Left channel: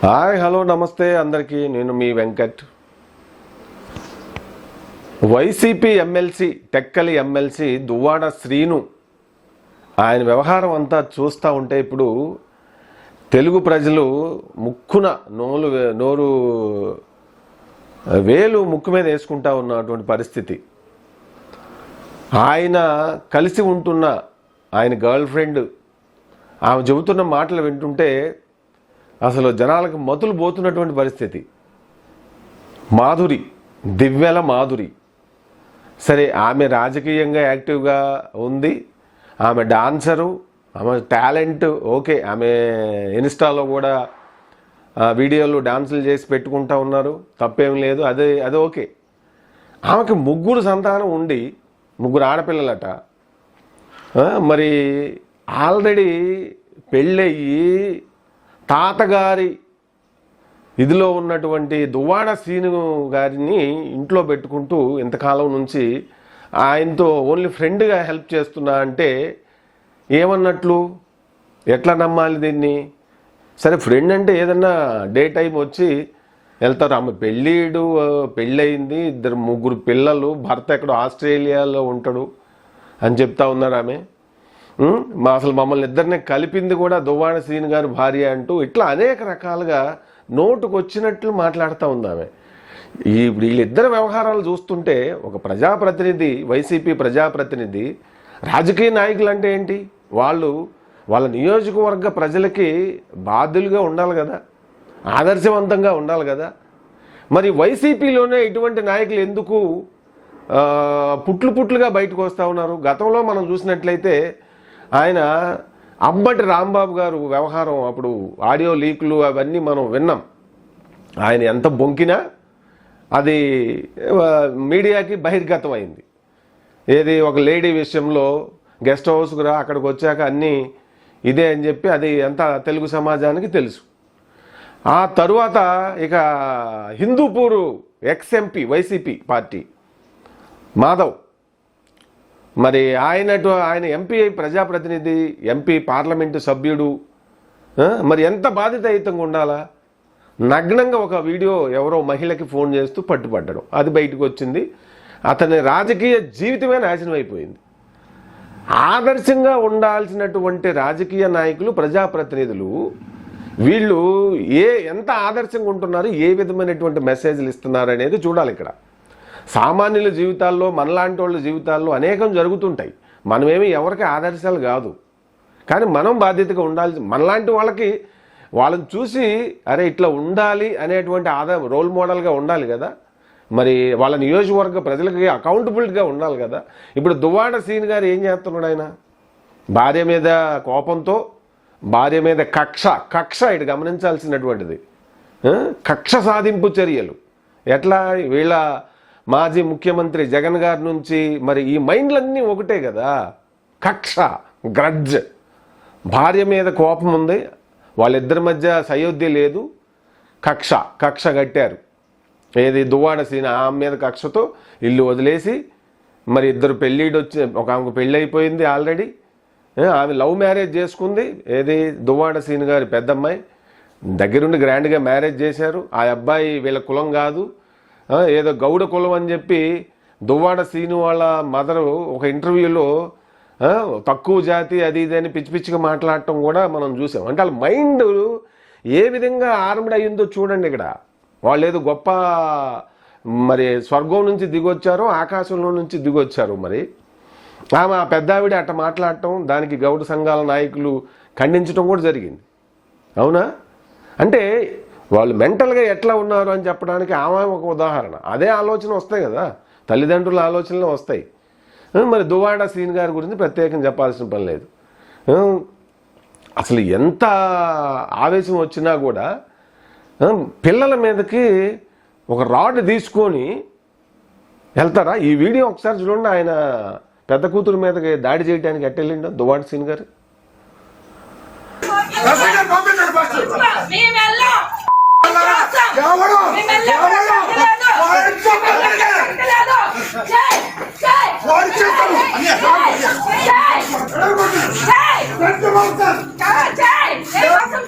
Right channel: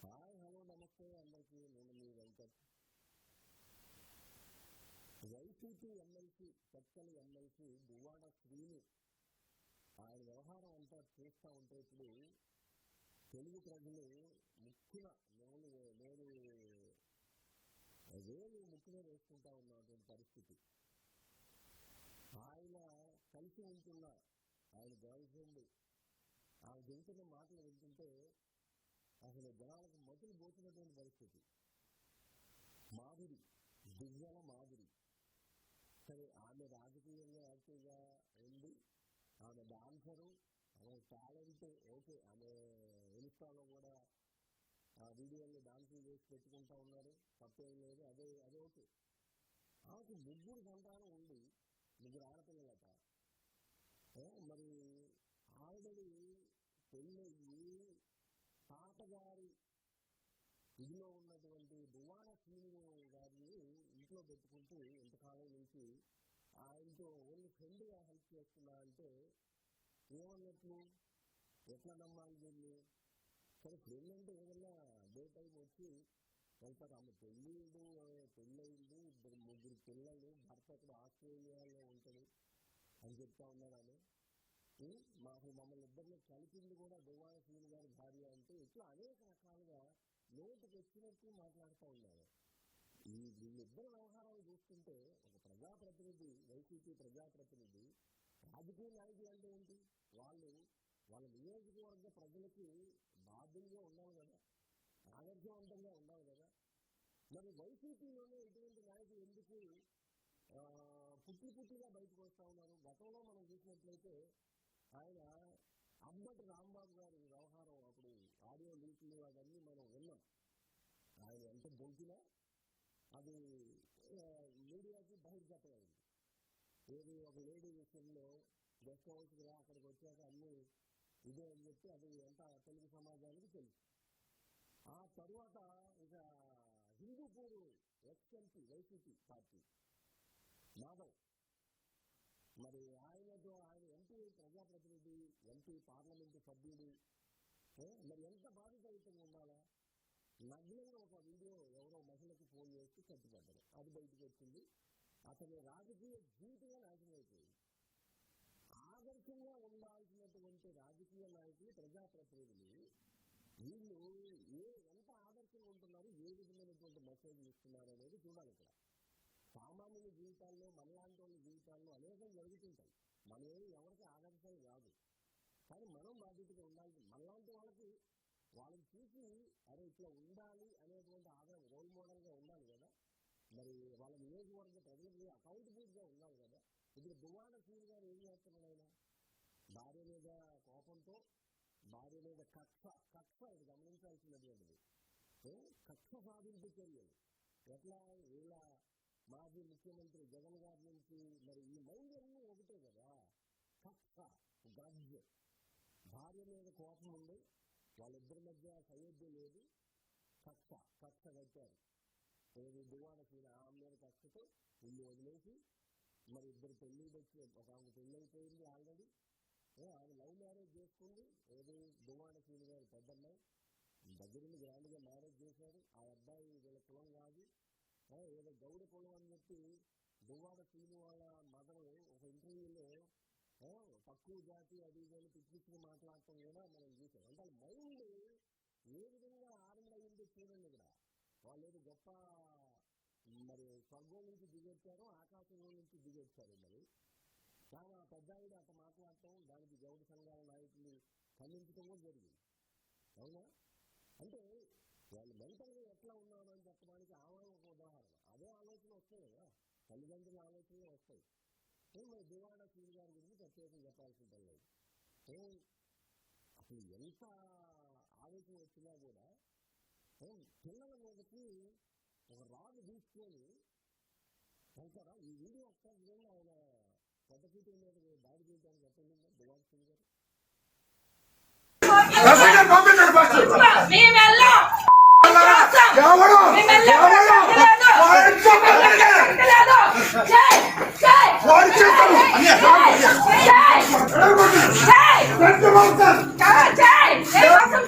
Hi hello నమస్తే అందరికీ. నేను మీ వెంకట్. వైసీపీ ఎమ్మెల్సీ టెక్కలి ఎమ్మెల్సీ దువ్వాడ శ్రీను ఆయన వ్యవహారం అంతా చూస్తూ ఉంటే ఇప్పుడు తెలుగు ప్రజలు ముక్కున నోరు వేలు ముక్కు మీద వేసుకుంటా ఉన్నటువంటి పరిస్థితి. ఆయన కలిసి ఉంటున్న ఆయన గర్ల్ ఫ్రెండ్ ఆమె చెబుతున్న మాటలు వింటుంటే అసలు జనాలకు మతులు పోతున్నటువంటి పరిస్థితి. దివ్యల మాధురి సరే, ఆమె రాజకీయంగా యాక్టివ్గా ఉంది, ఆమె డాన్సరు, ఆమె టాలెంట్ ఓకే, ఆమె ఇన్స్టాలో కూడా వీడియోలు డాన్సులు చేసి పెట్టుకుంటా ఉన్నారు, తప్పేం లేదు, అది ఓకే. ఆమెకి 3 సంతానం ఉండి 3 ఆడపిల్లలట. మరి ఆల్రెడీ పెళ్ళయ్యి తాతగారి ఇదిలో ఉన్నటువంటి దువ్వాడ శ్రీను గారిని ఇంట్లో పెట్టుకుంటూ ఇంతకాలం నుంచి ఆయనతో ఓన్లీ ఫ్రెండ్గా హెల్ప్ చేస్తున్నా అంటే ఏమన్నట్లు? ఎట్లా నమ్మాలి దీన్ని? సరే, ఫ్రెండ్ అంటే ఏదన్నా డే టైం వచ్చి వెళ్తారు. ఆమె పెళ్ళయింది, 2-3 పిల్లలు, భర్త ఎక్కడో ఆస్ట్రేలియాలో ఉంటాడు అని చెప్తా ఉన్నారు ఆమె. అసలు మమ్మల్ని ఇద్దరిని కలిపింది కూడా దువ్వాడ శ్రీను గారు భార్య అంటూ ఇట్లా అనేక రకాలుగా నోటుకు వచ్చినట్లు మాట్లాడుతూ ఉంది ఆమె. వీళ్ళిద్దరి వ్యవహారాలు చూస్తుంటే ఒక ప్రజాప్రతినిధి, వైసీపీ ప్రజాప్రతినిధి, రాజకీయ నాయకులు అంటే ఏంటి? వాళ్ళ నియోజకవర్గ ప్రజలకి బాధ్యులుగా ఉండాలి కదా, ఆదర్శవంతంగా ఉండాలి కదా. మరి వైసీపీలోనే ఇటువంటి నాయకులు ఎందుకు పుట్లుగా బయటకు వస్తూ ఉన్నారు? గతంలో మనం చూసినట్లయితే ఆయన అంబటి రాంబాబు గారు వ్యవహారం, అప్పుడు ఆడియో లీకులు అవన్నీ మనం విన్నాం. ఆయన ఎంత బొంకినా అది మీడియాకి బహిర్గతం అయింది. ఏది ఒక లేడీ విషయంలో గెస్ట్ హౌస్కు రా, అక్కడికి వచ్చాక అన్నీ ఇదే అని చెప్పి అది ఎంత తెలుగు సమాజానికి తెలుసు. ఆ తరువాత ఇక Hindupur X-MP YCP party Madhav, మరి ఆయన ఎంపీ, ప్రజాప్రతినిధి, ఎంపీ, పార్లమెంటు సభ్యుడు, మరి ఎంత బాధ్యతాయుతంగా ఉండాలా? నగ్నంగా ఒక వీడియో ఎవరో మహిళకి ఫోన్ చేస్తూ పట్టుపడ్డడం, అది బయటకు వచ్చింది. అతని రాజకీయ జీవితమే నాశనం అయిపోయింది. ఆదర్శంగా ఉండాల్సినటువంటి రాజకీయ నాయకులు, ప్రజాప్రతినిధులు వీళ్ళు ఎంత ఆదర్శంగా ఉంటున్నారు, ఏ విధమైనటువంటి మెసేజ్లు ఇస్తున్నారు అనేది చూడాలి. ఇక్కడ సామాన్యుల జీవితాల్లో, మనలాంటి వాళ్ళ జీవితాల్లో అనేకం జరుగుతుంటాయి. మనమేమి ఎవరికి ఆదర్శాలు కాదు, కానీ మనం బాధ్యతగా ఉండాలి. మనలాంటి వాళ్ళని చూసి అరే ఇట్లా ఉండాలి అనేటువంటి రోల్ మోడల్గా ఉండాలి కదా. మరి వాళ్ళ నియోజకవర్గ ప్రజలకి అకౌంటబిలిటీగా ఉండాలి కదా. ఇప్పుడు దువ్వాడ శ్రీను గారు ఏం చేస్తున్నాడు? ఆయన భార్య మీద కోపంతో, భార్య మీద కక్ష ఇటు గమనించాల్సినటువంటిది. కక్ష సాధింపు చర్యలు ఎట్లా? వీళ్ళ మాజీ ముఖ్యమంత్రి జగన్ గారి నుంచి మరి ఈ మైండ్లన్నీ ఒకటే కదా. కక్ష, గ్రడ్జ్, భార్య మీద కోపం ఉంది, వాళ్ళిద్దరి మధ్య సయోధ్య లేదు, కక్ష కట్టారు. ఏది? దువ్వాడ శ్రీను ఆమె మీద కక్షతో ఇల్లు వదిలేసి, మరి ఇద్దరు ఒక ఆమెకు పెళ్ళి అయిపోయింది ఆల్రెడీ, ఆమె లవ్ మ్యారేజ్ చేసుకుంది. ఏది? దువ్వాడ శ్రీను గారి పెద్దమ్మాయి దగ్గరుండి గ్రాండ్గా మ్యారేజ్ చేశారు. ఆ అబ్బాయి వీళ్ళ కులం కాదు, ఏదో గౌడ కులం అని చెప్పి దువ్వాడ శ్రీను వాళ్ళ మదరు ఒక ఇంటర్వ్యూలో తక్కువ జాతి అది ఇది అని పిచ్చిగా మాట్లాడటం కూడా మనం చూసాం. అంటే వాళ్ళ మైండ్ ఏ విధంగా ఆర్మ్డ్ అయ్యిందో చూడండి. ఇక్కడ వాళ్ళు ఏదో గొప్ప మరి స్వర్గం నుంచి దిగొచ్చారో, ఆకాశంలో నుంచి దిగొచ్చారు. మరి ఆమె ఆ పెద్దావిడ అట్ట మాట్లాడటం, దానికి గౌడ సంఘాల నాయకులు ఖండించడం కూడా జరిగింది. అవునా? అంటే వాళ్ళు మెంటల్గా ఎట్లా ఉన్నారు అని చెప్పడానికి ఆమె ఒక ఉదాహరణ. అదే ఆలోచన వస్తాయి కదా, తల్లిదండ్రుల ఆలోచనలు వస్తాయి. మరి దువ్వాడ శ్రీను గారి గురించి ప్రత్యేకం చెప్పాల్సిన పని లేదు. అసలు ఎంత ఆవేశం వచ్చినా కూడా పిల్లల మీదకి ఒక రాడ్ తీసుకొని వెళ్తారా? ఈ వీడియో ఒకసారి చూడండి. ఆయన పెద్ద కూతురు మీదకి దాడి చేయడానికి ఎట్టెళ్ళిండో దువ్వాడ శ్రీను గారు.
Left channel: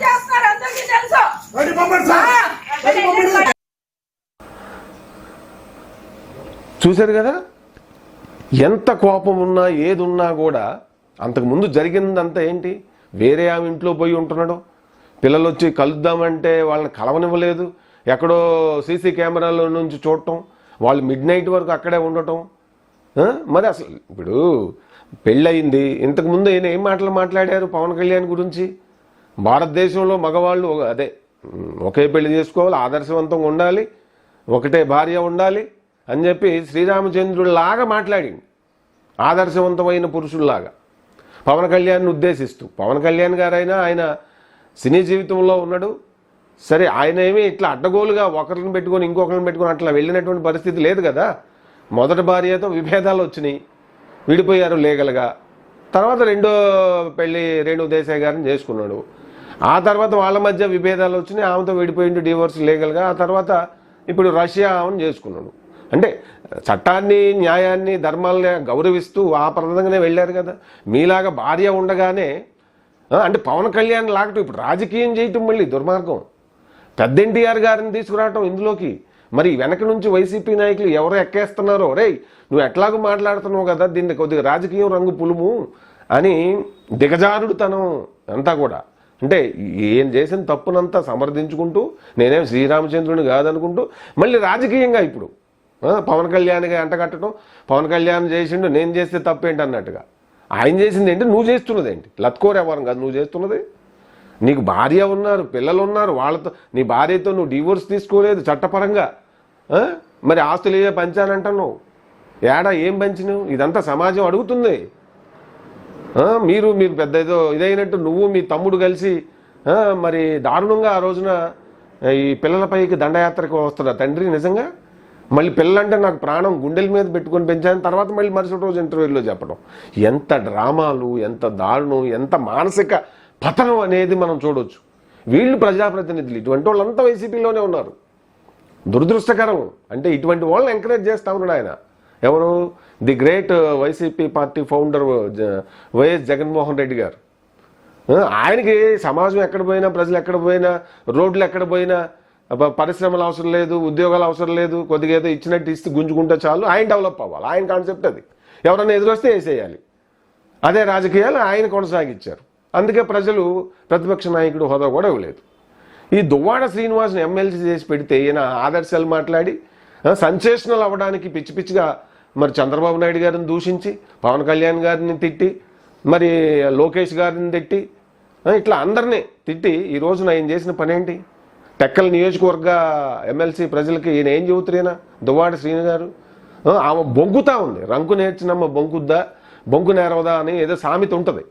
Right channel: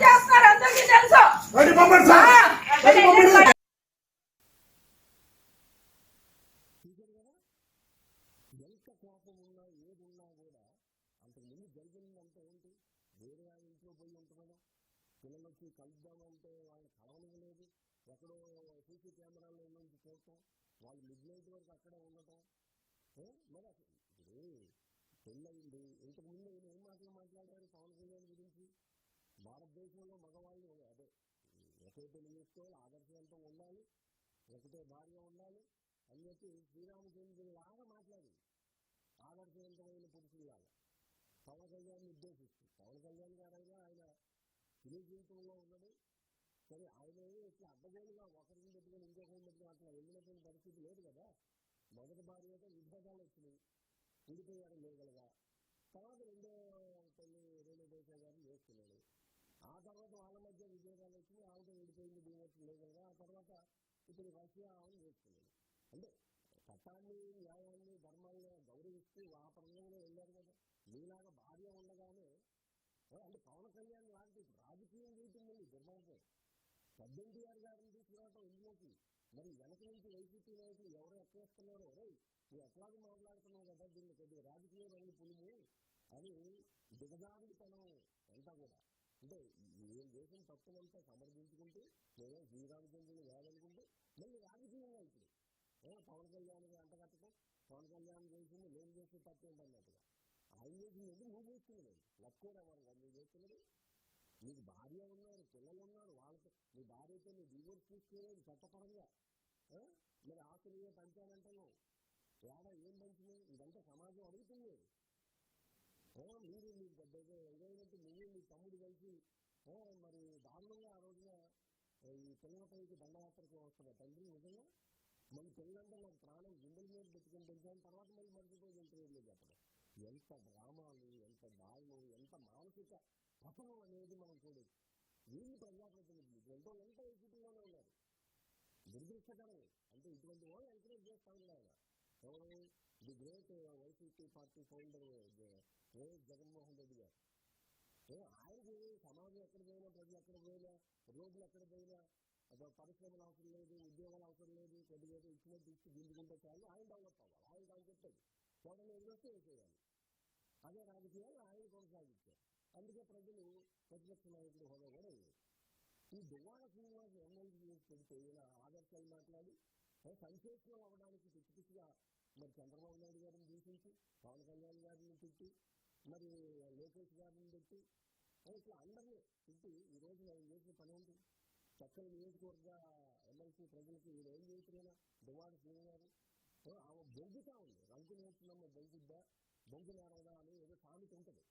చేస్తున్నారు అందరికీ తెలుసు. చూశారు కదా, ఎంత కోపం ఉన్నా ఏది ఉన్నా కూడా అంతకుముందు జరిగిందంతా ఏంటి, వేరే ఆమె ఇంట్లో పోయి ఉంటున్నాడు, పిల్లలు వచ్చి కలుద్దామంటే వాళ్ళని కలవనివ్వలేదు, ఎక్కడో సీసీ కెమెరాలో నుంచి చూడటం, వాళ్ళు మిడ్ నైట్ వరకు అక్కడే ఉండటం. మరి అసలు ఇప్పుడు పెళ్ళయింది, ఇంతకుముందు ఈయన ఏం మాటలు మాట్లాడారు పవన్ కళ్యాణ్ గురించి, భారతదేశంలో మగవాళ్ళు ఒకే పెళ్లి చేసుకోవాలి, ఆదర్శవంతంగా ఉండాలి, ఒకటే భార్య ఉండాలి అని చెప్పి శ్రీరామచంద్రుడిలాగా మాట్లాడింది, ఆదర్శవంతమైన పురుషుల్లాగా పవన్ కళ్యాణ్ని ఉద్దేశిస్తూ. పవన్ కళ్యాణ్ గారైనా ఆయన సినీ జీవితంలో ఉన్నాడు సరే, ఆయన ఏమీ ఇట్లా అడ్డగోలుగా ఒకరిని పెట్టుకొని ఇంకొకరిని పెట్టుకొని అట్లా వెళ్ళినటువంటి పరిస్థితి లేదు కదా. మొదటి భార్యతో విభేదాలు వచ్చినాయి, విడిపోయారు లీగల్గా. తర్వాత రెండో పెళ్లి రేణు దేశాయ్ గారిని చేసుకున్నాడు. ఆ తర్వాత వాళ్ళ మధ్య విభేదాలు వచ్చినాయి, ఆమెతో విడిపోయిండు డివోర్స్ లీగల్గా. ఆ తర్వాత ఇప్పుడు రష్యా ఆమెను చేసుకున్నాడు. అంటే చట్టాన్ని, న్యాయాన్ని, ధర్మాలని గౌరవిస్తూ ఆ ప్రదంగానే వెళ్ళారు కదా. మీలాగా భార్య ఉండగానే అంటే పవన్ కళ్యాణ్ లాగటం, ఇప్పుడు రాజకీయం చేయటం మళ్ళీ దుర్మార్గం. పెద్ద ఎన్టీఆర్ గారిని తీసుకురావటం ఇందులోకి. మరి వెనక నుంచి వైసీపీ నాయకులు ఎవరు ఎక్కేస్తున్నారో, రే నువ్వు ఎట్లాగో మాట్లాడుతున్నావు కదా, దీన్ని కొద్దిగా రాజకీయం రంగు పులుము అని దిగజారుడుతనం అంతా కూడా. అంటే ఏం చేసిన తప్పునంతా సమర్థించుకుంటూ, నేనేం శ్రీరామచంద్రుని కాదనుకుంటూ మళ్ళీ రాజకీయంగా ఇప్పుడు పవన్ కళ్యాణ్గా అంటగట్టడం, పవన్ కళ్యాణ్ చేసిండు నేను చేస్తే తప్పేంటి అన్నట్టుగా. ఆయన చేసింది ఏంటి, నువ్వు చేస్తున్నది ఏంటి, లత్కోరెవరం కాదు నువ్వు చేస్తున్నది. నీకు భార్య ఉన్నారు, పిల్లలు ఉన్నారు, వాళ్ళతో నీ భార్యతో నువ్వు డివోర్స్ తీసుకోలేదు చట్టపరంగా. మరి ఆస్తులు ఏ పంచానంటున్నావు, ఏడా ఏం పంచినావు, ఇదంతా సమాజం అడుగుతుంది. మీరు పెద్ద ఏదో ఇదైనట్టు నువ్వు మీ తమ్ముడు కలిసి మరి దారుణంగా ఆ రోజున ఈ పిల్లలపైకి దండయాత్రకు వస్తున్నా తండ్రి. నిజంగా మళ్ళీ పిల్లలంటే నాకు ప్రాణం, గుండెల మీద పెట్టుకొని పెంచాను. తర్వాత మళ్ళీ మరుసటి రోజు ఇంటర్వ్యూలో చెప్పడం. ఎంత డ్రామాలు, ఎంత దారుణం, ఎంత మానసిక పతనం అనేది మనం చూడవచ్చు. వీళ్ళు ప్రజాప్రతినిధులు, ఇటువంటి వాళ్ళంతా వైసీపీలోనే ఉన్నారు. దురదృష్టకరం. అంటే ఇటువంటి వాళ్ళని ఎంకరేజ్ చేస్తా ఉన్నాడు ఆయన. ఎవరు, the great YCP party founder YS Jaganmohan Reddy గారు. ఆయనకి సమాజం ఎక్కడ పోయినా, ప్రజలు ఎక్కడ పోయినా, రోడ్లు ఎక్కడ పోయినా, పరిశ్రమలు అవసరం లేదు, ఉద్యోగాలు అవసరం లేదు, కొద్దిగా ఏదో ఇచ్చినట్టు ఇస్తే గుంజుకుంటే చాలు, ఆయన డెవలప్ అవ్వాలి. ఆయన కాన్సెప్ట్ అది. ఎవరైనా ఎదురొస్తే వేసేయాలి. అదే రాజకీయాలు ఆయన కొనసాగించారు. అందుకే ప్రజలు ప్రతిపక్ష నాయకుడు హోదా కూడా ఇవ్వలేదు. ఈ దువ్వాడ శ్రీనివాస్ని ఎమ్మెల్సీ చేసి పెడితే ఈయన ఆదర్శాలు మాట్లాడి సెన్సేషనల్ అవ్వడానికి పిచ్చి పిచ్చిగా మరి చంద్రబాబు నాయుడు గారిని దూషించి, పవన్ కళ్యాణ్ గారిని తిట్టి, మరి లోకేష్ గారిని తిట్టి, ఇట్లా అందరినీ తిట్టి ఈ రోజున ఆయన చేసిన పని ఏంటి? టెక్కల నియోజకవర్గ ఎమ్మెల్సీ ప్రజలకి ఈయన ఏం చెబుతున్నా, దువ్వాడ శ్రీను గారు ఆమె బొంకుతా ఉంది. రంకు నేర్చినమ్మ బొంకుద్దా, బొంకు నేరవదా అని ఏదో సామెత ఉంటుంది.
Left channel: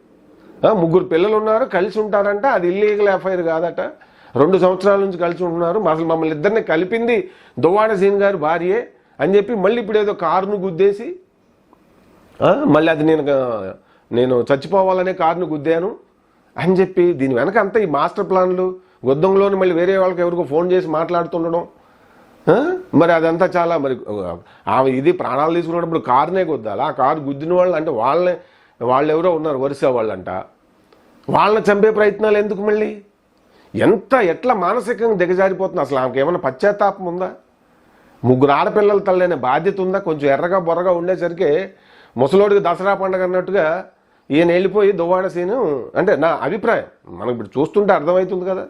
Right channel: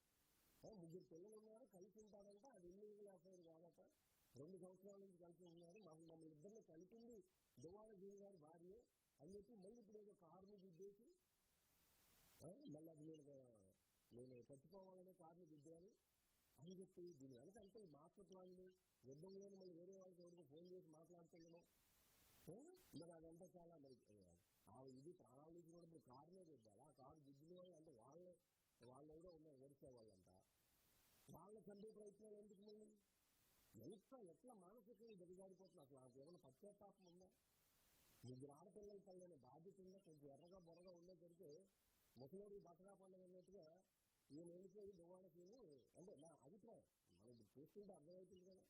3 పిల్లలు ఉన్నారు, కలిసి ఉంటారంట, అది ఇల్లీగల్ ఎఫ్ఐఆర్ కాదట. 2 సంవత్సరాల నుంచి కలిసి ఉంటున్నారు, అసలు మమ్మల్ని ఇద్దరిని కలిపింది దువ్వాడ శ్రీను గారు భార్యే అని చెప్పి మళ్ళీ ఇప్పుడు ఏదో కారును గుద్దేసి మళ్ళీ అది నేను చచ్చిపోవాలనే కారును గుద్దాను అని చెప్పి దీని వెనక అంతా ఈ మాస్టర్ ప్లాన్లు, గొద్దంలోని మళ్ళీ వేరే వాళ్ళకి ఎవరికో ఫోన్ చేసి మాట్లాడుతుండడం. మరి అదంతా చాలా మరి ఆమె ఇది ప్రాణాలు తీసుకున్నప్పుడు కారునే గుద్దాలి. ఆ కారు గుద్దిన వాళ్ళు అంటే వాళ్ళు ఎవరో ఉన్నారు వరుస వాళ్ళంట, వాళ్ళని చంపే ప్రయత్నాలు ఎందుకు మళ్ళీ? ఎట్లా మానసికంగా దిగజారిపోతుంది అసలు. ఆమెకి ఏమైనా పశ్చాత్తాపం ఉందా? 3 ఆడపిల్లల తల్లైన బాధ్యత ఉందా? కొంచెం ఎర్రగా బొర్రగా ఉండేసరికి ముసలోడికి దసరా పండుగ అన్నట్టుగా ఈయన వెళ్ళిపోయి దువ్వాడ సీను అంటే నా అభిప్రాయం. మనకు ఇప్పుడు చూస్తుంటే అర్థమవుతుంది కదా.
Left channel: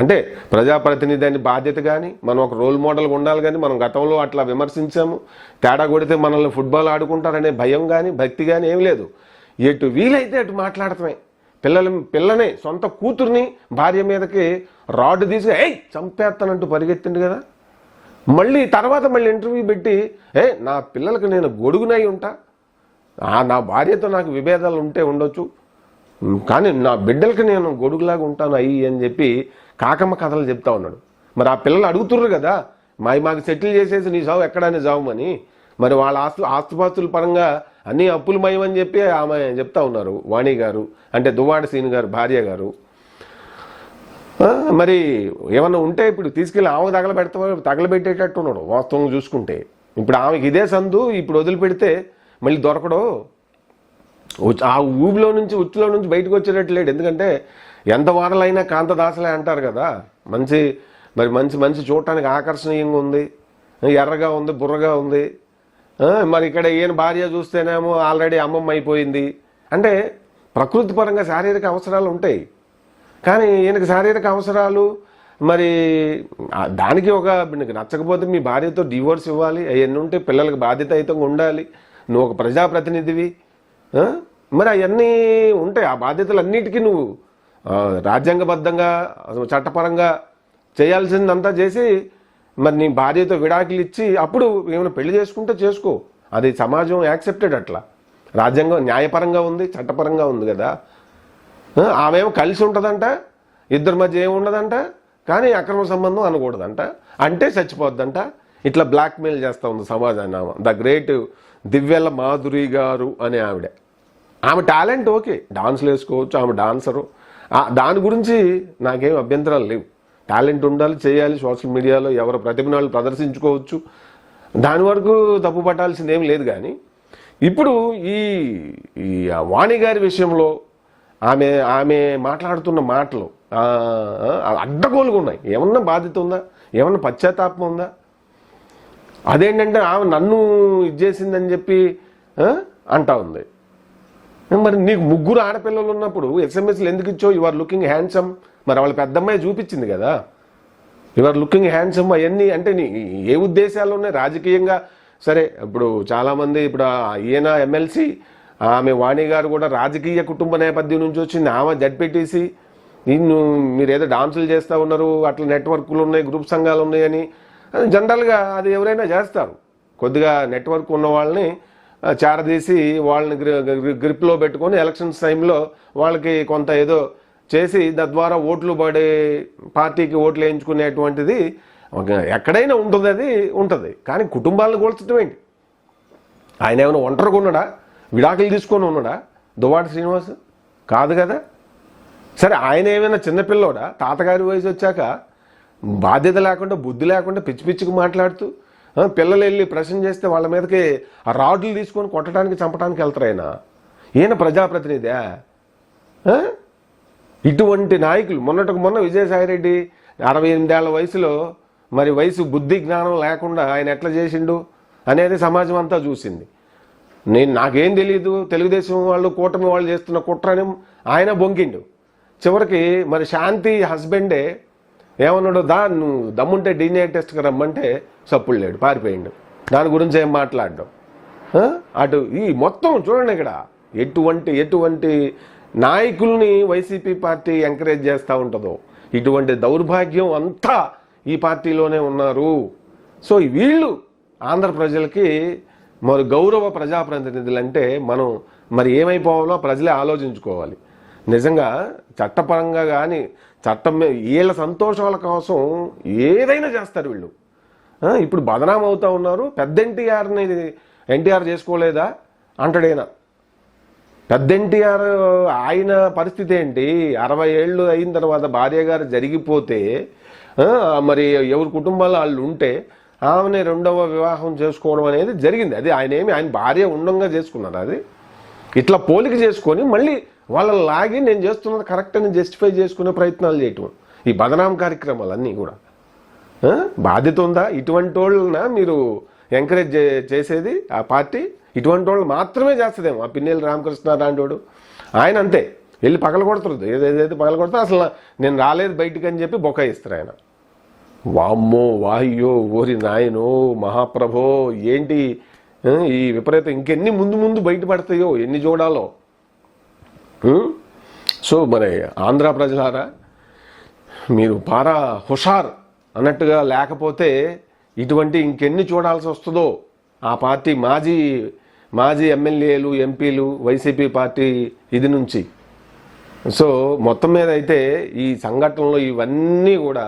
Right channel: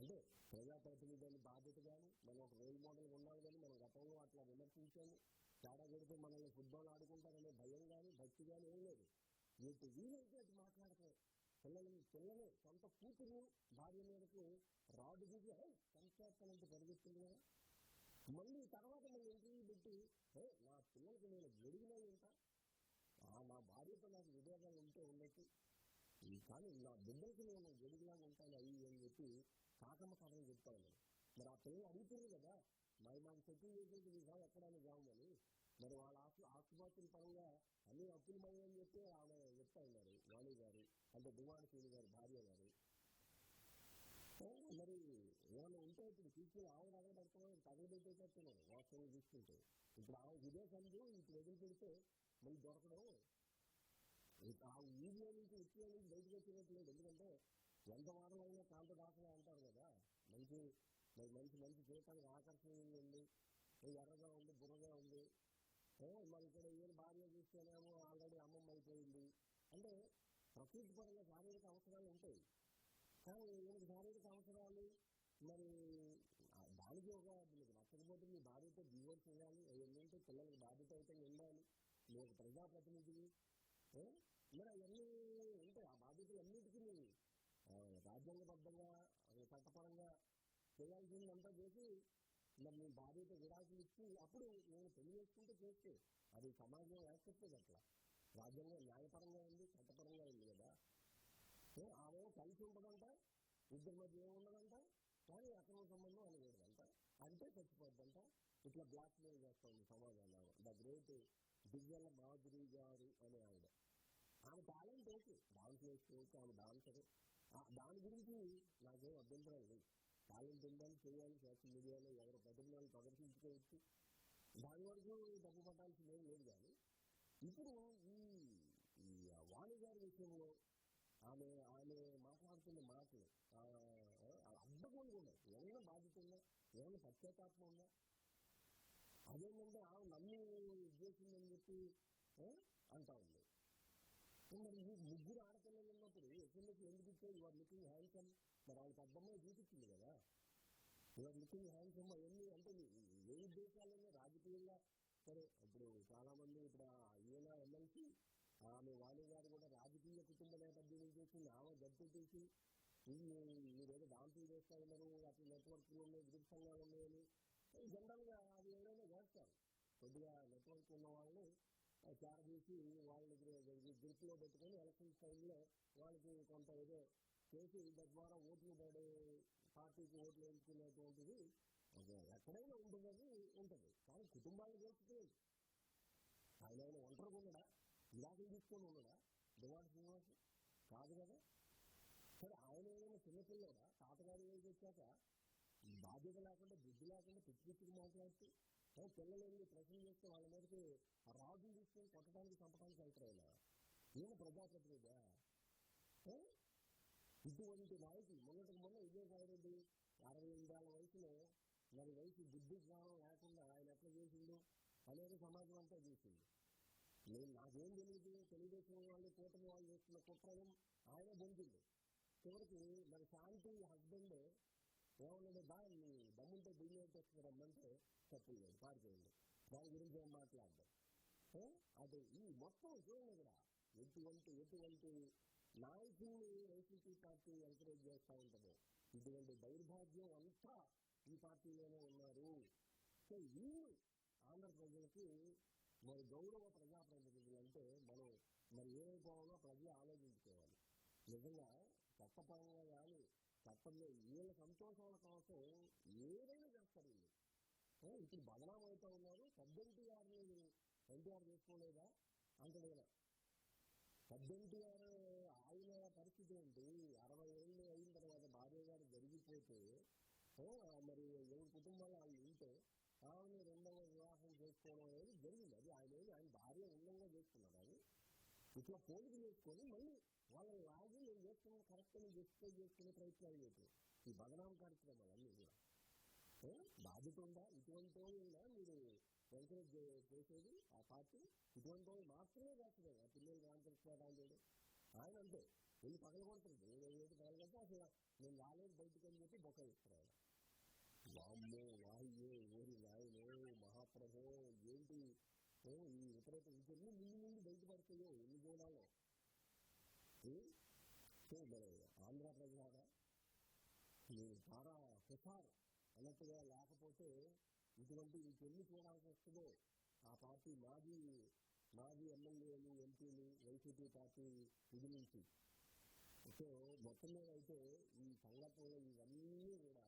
అంటే ప్రజాప్రతినిధి అని బాధ్యత కానీ, మనం ఒక రోల్ మోడల్గా ఉండాలి కానీ, మనం గతంలో అట్లా విమర్శించాము, తేడా కొడితే మనల్ని ఫుట్బాల్ ఆడుకుంటారనే భయం కానీ, భక్తి కానీ ఏం లేదు. ఎటు వీలైతే అటు మాట్లాడటమే. పిల్లని సొంత కూతుర్ని భార్య మీదకి రాడ్ తీసి చంపేస్తానంటూ పరిగెత్తిండు కదా. తర్వాత మళ్ళీ ఇంటర్వ్యూ పెట్టి నా పిల్లలకి నేను గొడుగునై ఉంటా, నా భార్యతో నాకు విభేదాలు ఉండొచ్చు, కానీ నా బిడ్డలకి నేను గొడుగులాగా ఉంటాను అని చెప్పి కాకమ్మ కథలు చెప్తా ఉన్నాడు. మరి ఆ పిల్లలు అడుగుతుర్రు కదా, మాకు సెటిల్ చేసేసి నీ సావు ఎక్కడానే సావమని. మరి వాళ్ళ ఆస్తుపాస్తుల పరంగా అన్నీ అప్పులమయం అని చెప్పి ఆమె చెప్తా ఉన్నారు, వాణి గారు అంటే దువ్వాడ సీను గారు భార్య గారు. మరి ఏమన్నా ఉంటే ఇప్పుడు తీసుకెళ్ళి ఆమె తగలబెట్టేటట్టు ఉన్నాడు వాస్తవంగా చూసుకుంటే. ఇప్పుడు ఆమెకి ఇదే సందు, ఇప్పుడు వదిలిపెడితే మళ్ళీ దొరకడు. ఆ ఊబిలో నుంచి ఉచ్చులో నుంచి బయటకు వచ్చేటట్టు లేడు. ఎందుకంటే ఎంత వారలైనా కాంతదాసలే అంటారు కదా. మంచి మంచి చూడటానికి ఆకర్షణీయంగా ఉంది, ఎర్రగా ఉంది, బుర్రగా ఉంది. మరి ఇక్కడ ఈయన భార్య చూస్తేనేమో ఆల్రెడీ అమ్మమ్మ అయిపోయింది. అంటే ప్రకృతి పరంగా శారీరక అవసరాలు ఉంటాయి, కానీ ఈయనకి శారీరక అవసరాలు మరి దానికి నీకు నచ్చకపోతే మీ భార్యతో డివోర్స్ ఇవ్వాలి, అవన్నీ ఉంటే పిల్లలకి బాధ్యతాయుతంగా ఉండాలి, నువ్వు ఒక ప్రజాప్రతినిధివి, మరి అవన్నీ ఉంటాయి. ఆ బాధ్యతలన్నిటికీ నువ్వు రాజ్యాంగబద్ధంగా చట్టపరంగా చేయాల్సిందంతా చేసి మరి నీ భార్యతో విడాకులు ఇచ్చి అప్పుడు ఏమైనా పెళ్లి చేసుకుంటే చేసుకో. అది సమాజం యాక్సెప్టెడ్, అట్లా రాజ్యాంగం న్యాయపరంగా ఉంది, చట్టపరంగా ఉంది కదా. ఆమెమో కలిసి ఉంటుందంట, ఇద్దరి మధ్య ఏమి ఉండదంట, కానీ అక్రమ సంబంధం అనకూడదంట, అంటే చచ్చిపోద్దంట. ఇట్లా బ్లాక్మెయిల్ చేస్తూ ఉంది సమాజాన్ని. ఆమె ద గ్రేట్ దివ్యల మాధురి గారు అనే ఆమె టాలెంట్ ఓకే, డాన్స్లు వేసుకోవచ్చు, ఆమె డాన్సరు, దాని గురించి నాకేం అభ్యంతరాలు లేవు. టాలెంట్ ఉండాలి, చేయాలి, సోషల్ మీడియాలో ఎవరి ప్రతిభనాలు ప్రదర్శించుకోవచ్చు, దాని వరకు తప్పు పట్టాల్సింది ఏం లేదు. కానీ ఇప్పుడు ఈ వాణి గారి విషయంలో ఆమె మాట్లాడుతున్న మాటలు అడ్డగోలుగా ఉన్నాయి. ఏమన్నా బాధ్యత ఉందా, ఏమన్నా పశ్చాత్తాపం ఉందా? అదేంటంటే ఆమె నన్ను ఇది చేసిందని చెప్పి అంటా ఉంది. మరి నీకు 3 ఆడపిల్లలు ఉన్నప్పుడు ఎస్ఎంఎస్లు ఎందుకు ఇచ్చావు? You are looking handsome. మరి వాళ్ళ పెద్దమ్మాయి చూపించింది కదా, యు ఆర్ లుకింగ్ హ్యాండ్సమ్. అవన్నీ అంటే ఏ ఉద్దేశాలు ఉన్నాయి రాజకీయంగా? సరే, ఇప్పుడు చాలామంది ఇప్పుడు ఈయన ఎమ్మెల్సీ, ఆమె వాణి గారు కూడా రాజకీయ కుటుంబ నేపథ్యం నుంచి వచ్చింది. ఆమె జడ్పీటీసీ, మీరు ఏదో డాన్సులు చేస్తూ ఉన్నారు, అట్లా నెట్వర్క్లు ఉన్నాయి, గ్రూప్ సంఘాలు ఉన్నాయని జనరల్గా అది ఎవరైనా చేస్తారు. కొద్దిగా నెట్వర్క్ ఉన్న వాళ్ళని చేరదీసి వాళ్ళని గ్రిప్లో పెట్టుకొని ఎలక్షన్స్ టైంలో వాళ్ళకి కొంత ఏదో చేసి తద్వారా ఓట్లు పడే పార్టీకి ఓట్లు వేయించుకునేటువంటిది ఎక్కడైనా ఉంటుంది, అది ఉంటుంది. కానీ కుటుంబాలను కూల్చడం ఏంటి? ఆయన ఏమైనా ఒంటరిగా ఉన్నాడా, విడాకులు తీసుకొని ఉన్నాడా దువ్వాడ శ్రీనివాస్? కాదు కదా. సరే, ఆయన ఏమైనా చిన్నపిల్లోడా? తాతగారి వయసు వచ్చాక బాధ్యత లేకుండా, బుద్ధి లేకుండా పిచ్చి పిచ్చికి మాట్లాడుతూ పిల్లలు వెళ్ళి ప్రశ్న చేస్తే వాళ్ళ మీదకి ఆ రాడ్లు తీసుకొని కొట్టడానికి, చంపడానికి వెళ్తారు. ఈయన ప్రజాప్రతినిధా? ఇటువంటి నాయకులు మొన్న విజయసాయిరెడ్డి 68 ఏళ్ల వయసులో మరి బుద్ధి జ్ఞానం లేకుండా ఆయన ఎట్లా చేసిండు అనేది సమాజం అంతా చూసింది. నాకేం తెలియదు, తెలుగుదేశం వాళ్ళు కూటమి వాళ్ళు చేస్తున్న కుట్రని ఆయన బొంకిండు. చివరికి మరి శాంతి హస్బెండే ఏమన్నాడు, నువ్వు దమ్ముంటే DNA టెస్ట్కి రమ్మంటే సప్పుడు లేడు, పారిపోయిండు. దాని గురించి ఏం మాట్లాడడం. అటు ఈ మొత్తం చూడండి, ఇక్కడ ఎటువంటి నాయకుల్ని వైసీపీ పార్టీ ఎంకరేజ్ చేస్తూ ఉంటుందో, ఇటువంటి దౌర్భాగ్యం అంతా ఈ పార్టీలోనే ఉన్నారు. సో వీళ్ళు ఆంధ్ర ప్రజలకి మరి గౌరవ ప్రజాప్రతినిధులంటే మనం మరి ఏమైపోవాలో ప్రజలే ఆలోచించుకోవాలి. నిజంగా చట్టపరంగా కానీ చట్టం వీళ్ళ సంతోషాల కోసం ఏదైనా చేస్తారు వీళ్ళు. ఇప్పుడు బదనాం అవుతూ ఉన్నారు. పెద్ద ఎన్టీఆర్ చేసుకోలేదా అంటాడైనా. పెద్ద ఎన్టీఆర్ ఆయన పరిస్థితి ఏంటి? 60 ఏళ్ళు అయిన తర్వాత భార్య గారు జరిగిపోతే మరి ఎవరి కుటుంబాలు వాళ్ళు ఉంటే ఆమెని 2వ వివాహం చేసుకోవడం అనేది జరిగింది. అది ఆయన భార్య ఉండంగా చేసుకున్నారు. అది ఇట్లా పోలిక చేసుకొని మళ్ళీ వాళ్ళని లాగి నేను చేస్తున్నది కరెక్ట్ అని జస్టిఫై చేసుకునే ప్రయత్నాలు చేయటం, ఈ బదనాం కార్యక్రమాలన్నీ కూడా బాధ్యత ఉందా? ఇటువంటి వాళ్ళన మీరు ఎంకరేజ్ చేసేది ఆ పార్టీ? ఇటువంటి వాళ్ళు మాత్రమే చేస్తుందేమో. ఆ పిన్నెల్లి రామకృష్ణ లాంటి ఆయన అంతే, వెళ్ళి పగల కొడుతుంది, ఏదైతే పగల కొడతారో అసలు నేను రాలేదు బయటికి అని చెప్పి బొకాయిస్తారు ఆయన. వామ్మో, వాయ్యో, ఓరి నాయనో, మహాప్రభో, ఏంటి ఈ విపరీతం? ఇంకెన్ని ముందు బయటపడతాయో, ఎన్ని చూడాలో. సో మరి ఆంధ్ర ప్రజలారా, మీరు పారా హుషార్ అన్నట్టుగా లేకపోతే ఇటువంటి ఇంకెన్ని చూడాల్సి వస్తుందో ఆ పార్టీ మాజీ ఎమ్మెల్యేలు, ఎంపీలు, వైసీపీ పార్టీ ఇది నుంచి. సో మొత్తం మీద అయితే ఈ సంఘటనలో ఇవన్నీ కూడా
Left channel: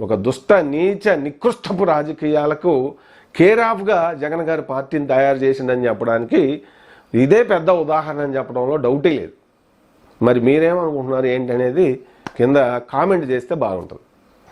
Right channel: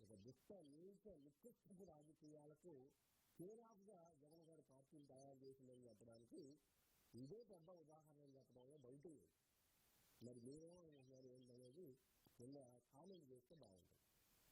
ఒక దుష్ట, నీచ, నికృష్టపు రాజకీయాలకు కేర్ ఆఫ్గా జగన్ గారి పార్టీని తయారు చేసిందని చెప్పడానికి ఇదే పెద్ద ఉదాహరణ అని చెప్పడంలో డౌటే లేదు. మరి మీరేమనుకుంటున్నారు ఏంటనేది కింద కామెంట్ చేస్తే బాగుంటుంది.